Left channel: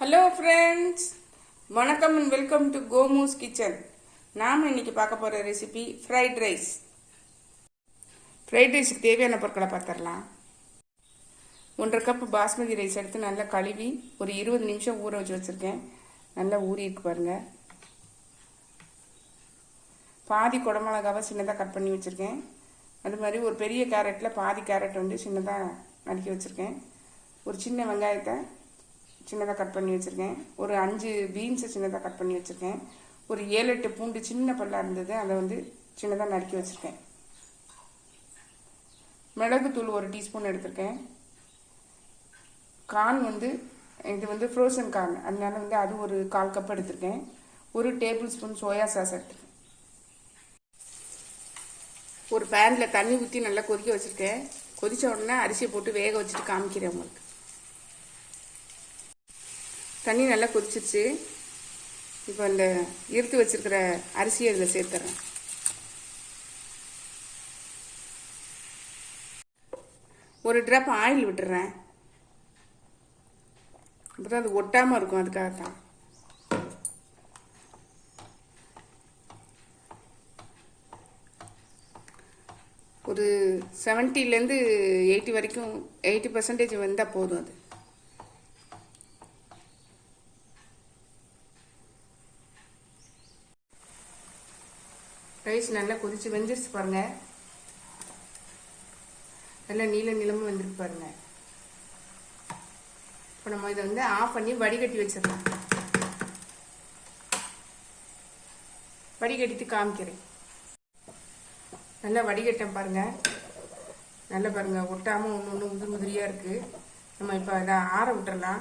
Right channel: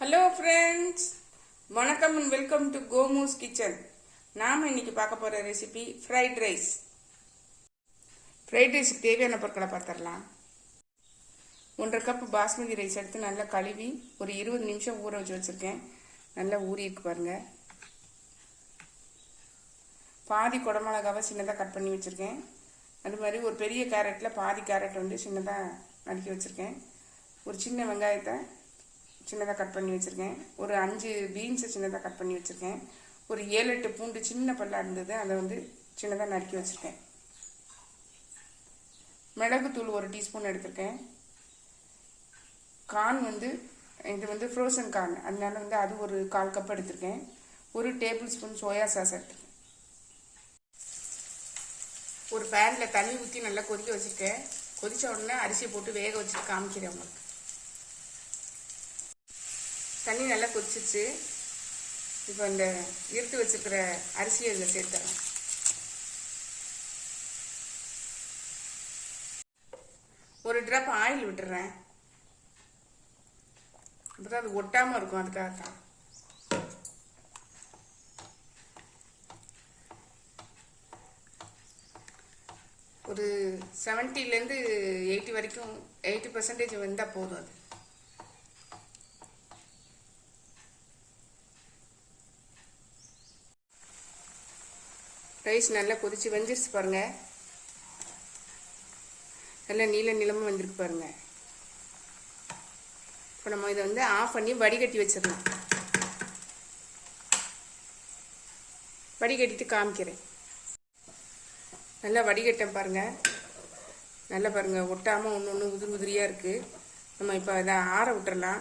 Hello friends வணக்கம் and welcome to கோமூஸ் kitchen நாம் இன்னைக்கு பார்க்க போகிற ரெசிபி ஃப்ரைட் ரைஸ் ஃப்ரைட் ரைஸுக்கு தேவையான பொருட்களை பார்த்துடலாம். ஒன்றரை கப் பாஸ்மதி ரைஸ் எடுத்து நல்லா கழுவி ஒரு இருபது நிமிஷம் ஊற வச்சு வச்சுருக்கேன். நல்லா ஊறியிருக்கு பாருங்கள் பாதி குடமிளகாவை சின்னதாக கட் பண்ணி வச்சுருக்கேன். அது மாதிரி ஒரு பெரிய கேரட்டில் பாதி கேரட் வந்து சின்னதாக நறுக்கி வச்சுருக்கேன். ஒரு சின்ன வெங்காயத்தை சின்னதாக கட் பண்ணி வச்சுருக்கேன். ஒரு அஞ்சு பீன்ஸை சின்னதாக கட் பண்ணி வச்சுருக்கேன். ஒரு ஏழு எட்டு பூண்டு சின்ன பல்லாக இருந்தது. அதை வந்து சின்னதாக நறுக்கி வச்சுருக்கேன். மிளகுத்தூள் ஒரு டீஸ்பூன் எடுத்திருக்கேன். கார்ன் வந்து இது வந்து ஃப்ரோசன் கார்ன் அதனால வந்து அது ஒரு கால் கப் எடுத்திருக்கேன். ஒரு டேபிள் ஸ்பூன் சோயா சாஸ் எடுத்திருக்கேன். ஒரு பேனில் தண்ணி ஊற்றி நல்லா கொதிக்க வச்சுருக்கேன். கொதித்த உடனே அரிசியை போட்டு வேக வச்சுட்டு காமிக்கிறேன் உங்களுக்கு. தண்ணி நல்லா கொதிச்சிருச்சு. இப்போ இந்த இருத்து வச்சிருக்கிற அரிசியை இதில் சேர்த்துறேன். ஒரு ட்ராப் ஆயில் விட்டுறேன். அப்பதான் அது ஒட்டாமல் இருக்கும் அதுக்காக தான் ஒரு செவன்ட்டிலேருந்து எயிட்டி வரைக்கும் எயிட்டி பர்சன்டேஜ் வந்தால் போதும் அது. ரைஸ் நல்லா கொதிச்சு வெந்துருச்சு பாருங்க. நல்லா நீல நிலமும் வந்துருக்கு பாருங்க. இப்போ நம்ம இதை வந்து ஆஃப் பண்ணி வடிகட்டி வச்சிடலாம். வடிகட்டிட்டு காமிக்கிறேன். நல்லா வடிகட்டேன் பாருங்க. நல்லா பாருங்க. ஒட்டாமல் ஒன்று ஒன்று உதிரி உதிரியாக இருக்குது நம்ம இப்போ அதை ஆற விட்டுறலாம்.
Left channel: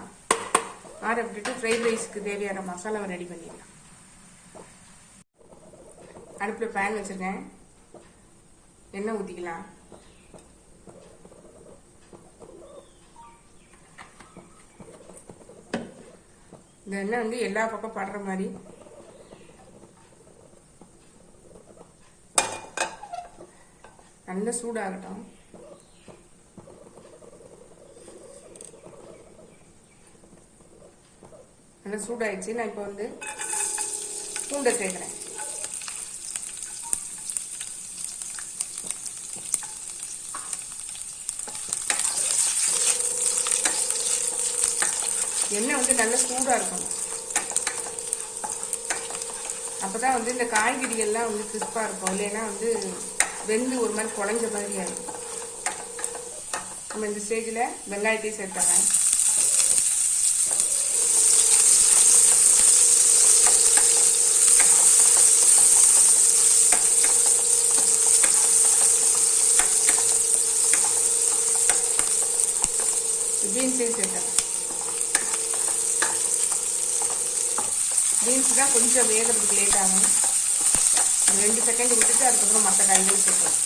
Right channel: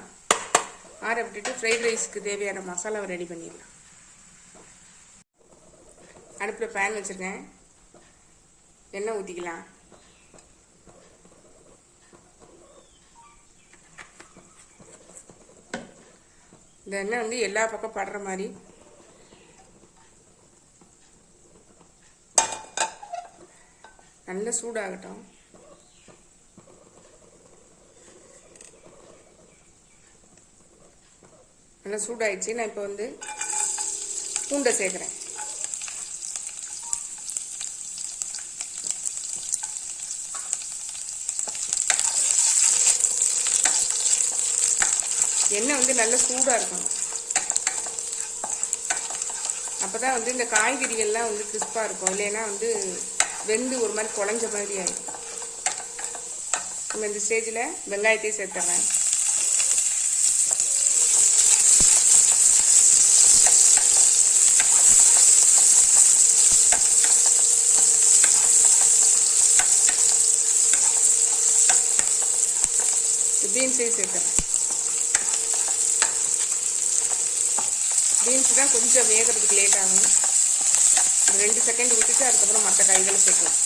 ஆற விட்டுட்டு ஃப்ரைட் ரைஸ்க்கு தேவையான மசாலாவை ரெடி பண்ணிடலாம். அடுப்பில் பேன் வச்சுருக்கேன். எண்ணெய் ஊற்றிக்கலாம் இந்த எண்ணெய் வந்து எல்லா பக்கம் படுற மாதிரி. நல்ல சூடாகட்டும். நல்லா சூடாயிடுச்சு. நான் இப்போ வந்து பூண்டை சேர்க்குறேன். எண்ணெய் வந்து நல்லா சூடாக இருக்கணும். அப்போ தான் வந்து இந்த காய்கறிகள்லாம் வந்து கிறிஸ்பாக இருக்கும். இல்லைன்னா வந்து வெந்து ஒரு மாதிரி குழஞ்ச மாதிரி ஆகும் நம்ம இந்த ஸ்டேஜில் வெங்காயத்தையும் சேர்த்துறேன் பீன்ஸையும் சேர்த்துறேன் பீன்ஸ் தான் கொஞ்சம் வேகிறதுக்கு லேட் ஆகும். ஒரு ரெண்டு செகண்ட் விட்டுட்டு அதுக்கப்புறம் மற்ற காய்களை சேர்க்கலாம்.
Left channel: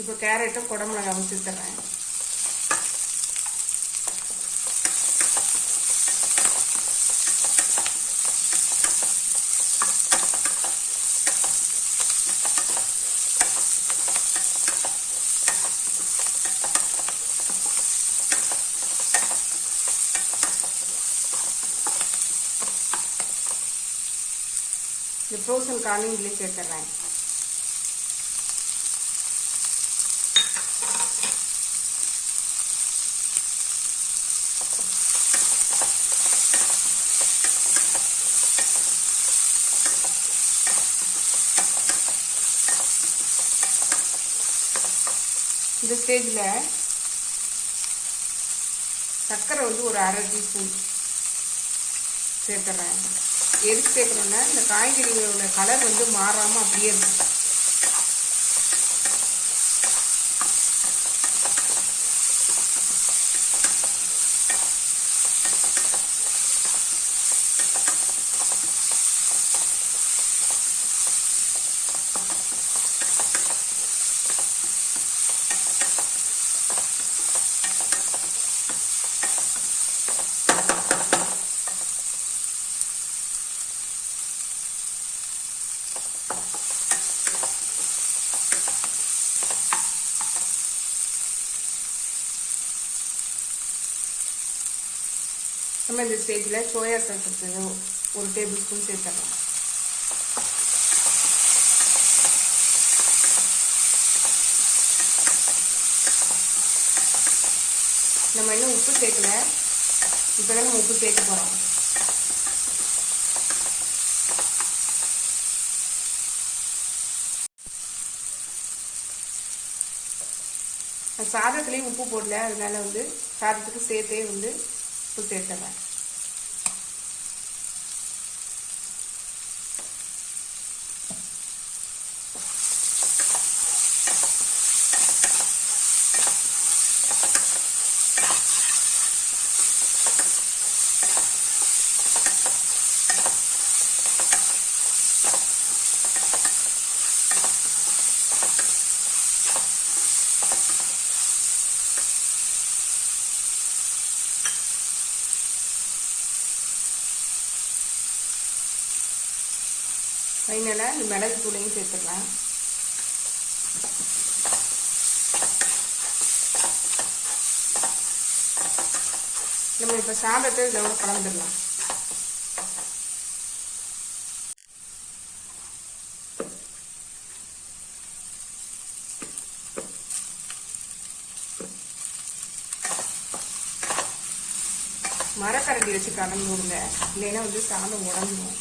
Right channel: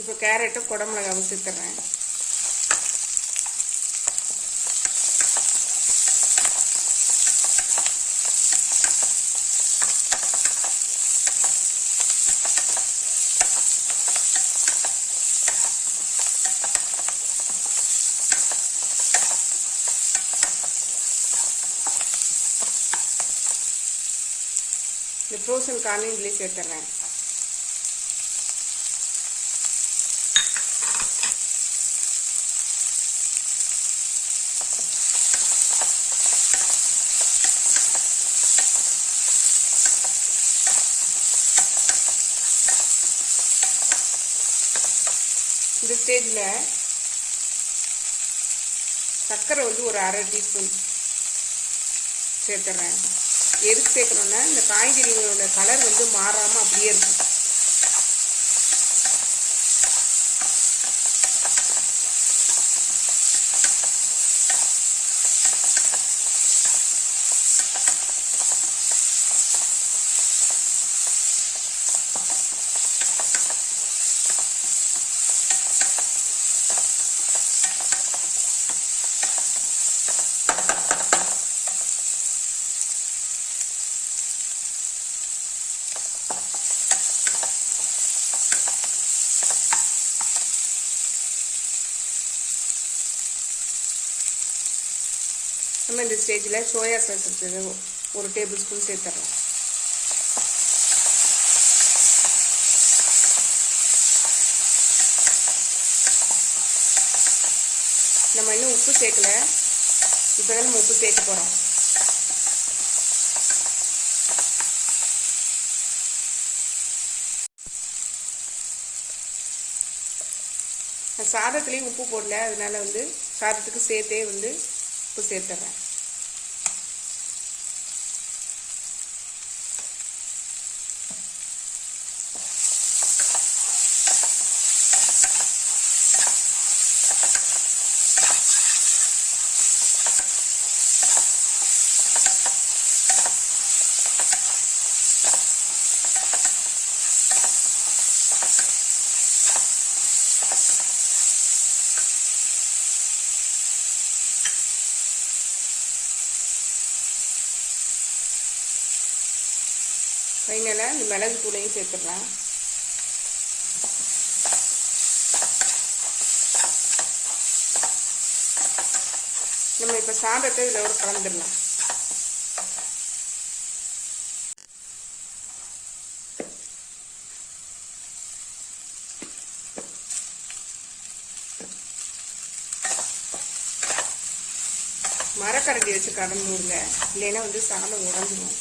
இப்போ கேரட்டும் குடமிளகாவும் சேர்த்துறேன். இந்த ஃப்ரோசன் கார்னையும் இதுலேயே சேர்த்துறேன் இந்த ஸ்டேஜில் சர்க்கரை வந்து ஒரு அரை டீஸ்பூன் சேர்த்துறேன் எதுக்கு சேர்க்கணும்னா இந்த காய்கறிகளோட கலர் வந்து மாறாமல் அப்படியே இருக்கும். நம்ம இந்த ஸ்டேஜில் சோயா சாஸ் ஒரு டேபிள் ஸ்பூன் சேர்த்துறோம் நம்ம இன்னும் உப்பு சேர்க்கல. இப்போ தான் நம்ம உப்பு சேர்க்க போகிறோம் சாதத்துலேயும் உப்பு போடல. அதனால வந்து சாதத்துக்கு சேர்த்தே வந்து உப்பு சேர்த்துறேன். ஃபைனலாக இந்த மிளகு தூளையும் சேர்த்துக்கலாம். நம்ம இப்போ சாதத்தை இதோட கலந்துடலாம். மரக்கரண்டி வச்சு கலந்து விடுங்க. இல்லைன்னா வந்து சாதம் உடஞ்சிடும்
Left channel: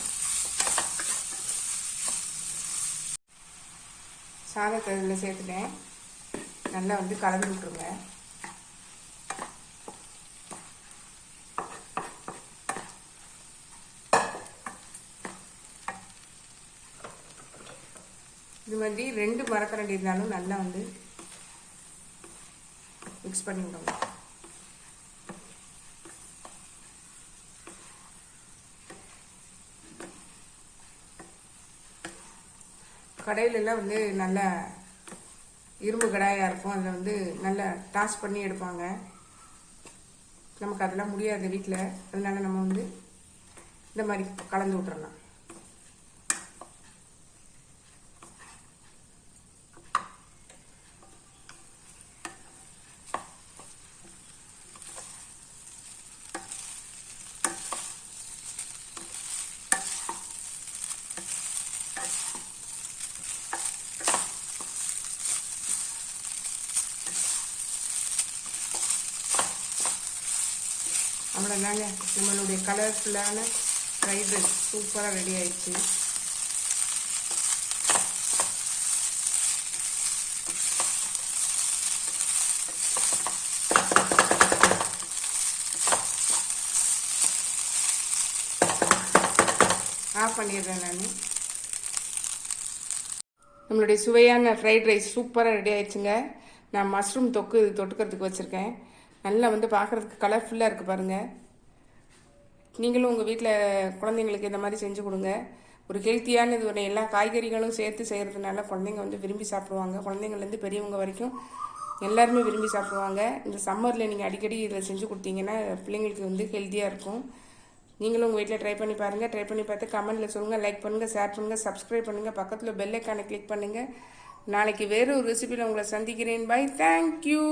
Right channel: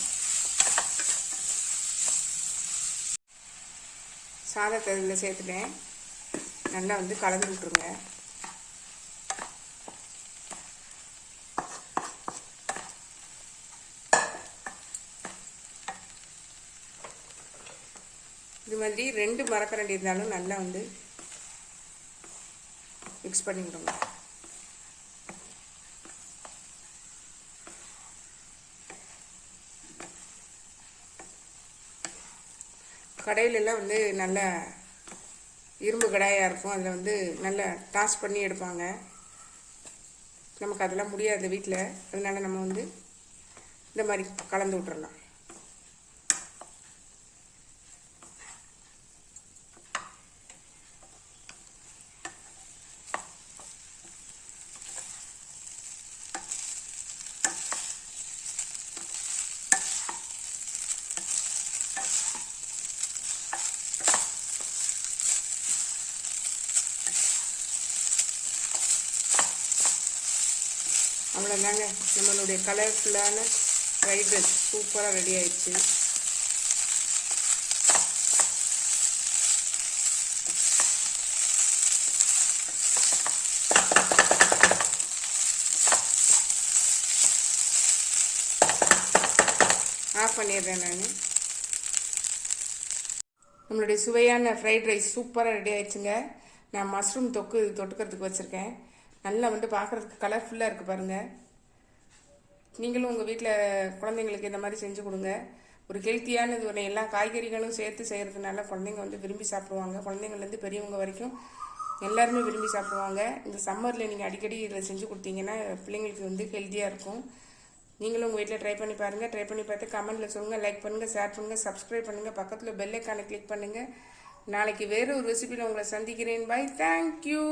சாதத்தை இதில் சேர்த்துட்டேன். நல்லா வந்து கலந்து விட்டுருங்க. இது மாதிரி ரெண்டு மரக்கரண்டி இருந்தாலும் நல்லா வந்து மிக்ஸ் பண்ணி கடையிலெல்லாம் வந்து நல்ல இரும்பு கடாயாக இருக்கும். அதில் வந்து நல்லா டாஸ் பண்ணி எடுப்பாங்க. நமக்கு அதெல்லாம் முடியாது வீட்டில் அதனால நம்ம வந்து இந்த மாதிரி கலந்து விட்டுறலாம். அவ்வளோதாங்க நம்மளுடைய கலர்ஃபுல்லான ஃப்ரைட் ரைஸ் சூப்பராக ரெடி ஆயிடுச்சு. ஆஃப் பண்ணிடுறேன் நான். நம்மளுடைய சுவையான ஃப்ரைட் ரைஸ் சூப்பராக ரெடி ஆயிடுச்சுங்க. நான் மஷ்ரூம் தொக்கு தொட்டுக்கிறதுக்கு வச்சுருக்கேன். நல்லா வந்து பார்க்குறதுக்கு கலர்ஃபுல்லாக இருக்குது பாருங்கள் நீங்களும் உங்கள் வீட்டில் குழந்தைங்களுக்கு இந்த மாதிரி செஞ்சு கொடுங்க. ஒரு ஹெல்த்தியானது ஒன்று எல்லா காய்கறிகளும் சேர்த்து செய்கிறதுனால குழந்தைங்க வந்து விரும்பி சாப்பிடுவாங்க. குழந்தைங்கள்லேருந்து பெரியவங்க வரைக்கும் எல்லாருமே விரும்பி சாப்பிடுவாங்க. இந்த சம்மரில் நீங்கள் அடிக்கடி இதில் செஞ்சு கொடுத்தீங்கன்னா பிள்ளைங்களுக்கு வந்து ஹெல்த்தியாக இருக்கும். நீங்களும் உங்கள் வீட்டில் ட்ரை பண்ணி பாருங்கள் ட்ரை பண்ணி பார்த்து கமெண்ட்டில் சொல்லுங்கள் லைக் பண்ணுங்கள் ஷேர் பண்ணுங்கள் சப்ஸ்கிரைப் பண்ணுங்கள் பக்கத்தில் பெல் ஐக்கானை கிளிக் பண்ணுங்கள் நாளைக்கு வேறு ஒரு ரெசிபியில் உங்களை சந்திக்கிறேன். By thank you